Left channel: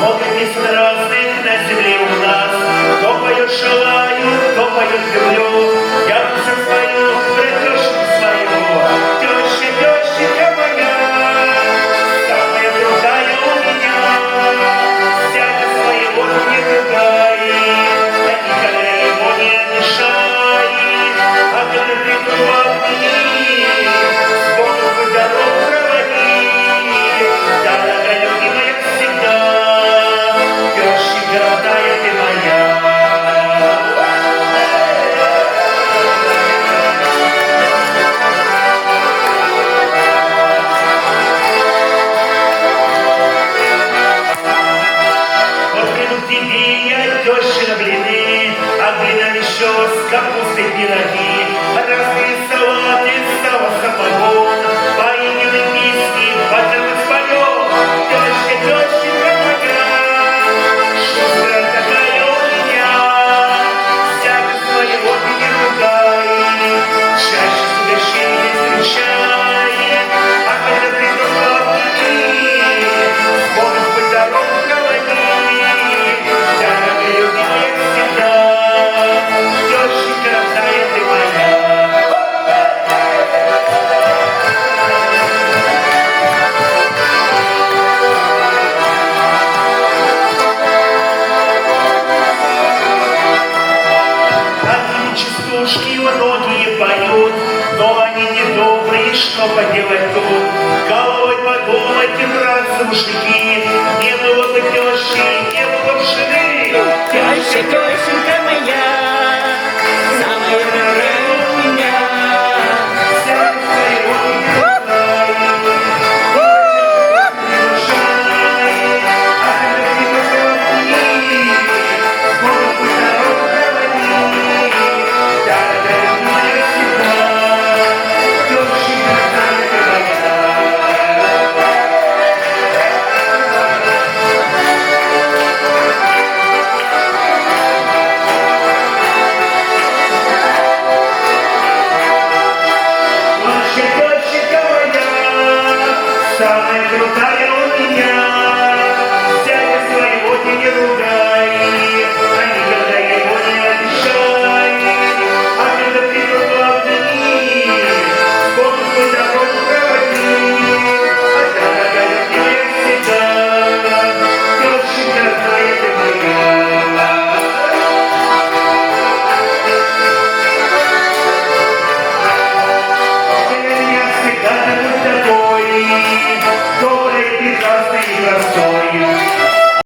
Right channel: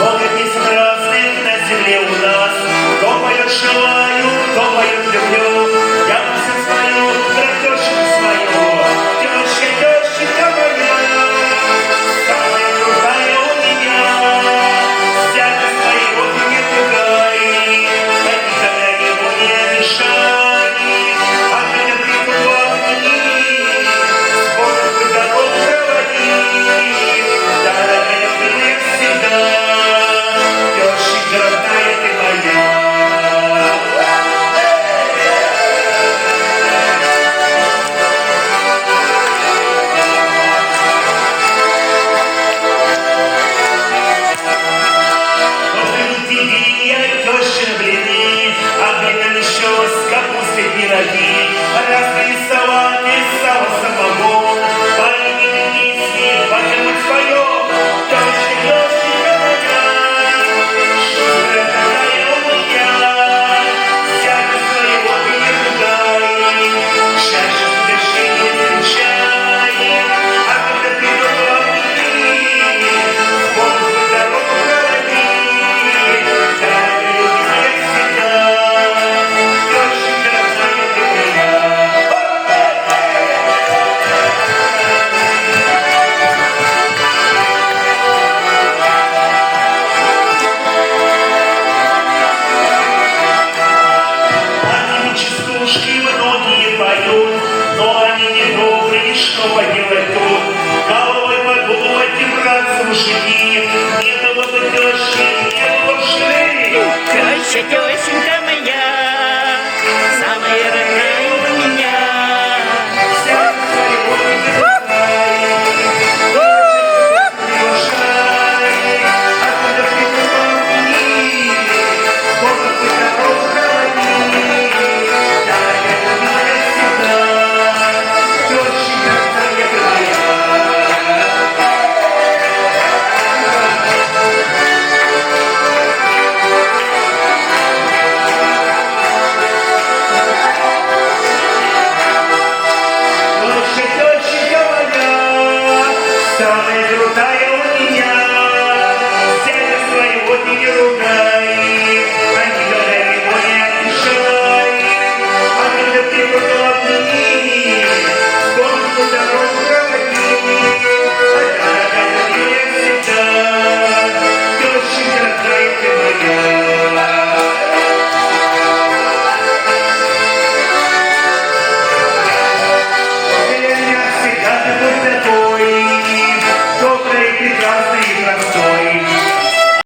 Много песен разных на земле у нас. Кто поет желаю, кто поет люблю. Я пусть свою, братешку свою. Теща моя, самая крутая у меня. Стяга своего не ругай, я никогда его не обижай. А когда прикладни, сборы в дорогу проводи. Дорогая, милая всегда, теща родная ты моя. Тещина блины, а блинами еще с капустой пироги, разные салаты, сало самогон, поедины песни, потом споем, теща моя, шустрая такая у меня, сяга своего ты не ругай, чаще с угощением встречай, а когда придумала ты, сборы в дорогу проводи. Многие поют, но они не добрые, что поделать тут? Головой подумать и драться мужики, не было бы тещи, не было бы жены. Теща,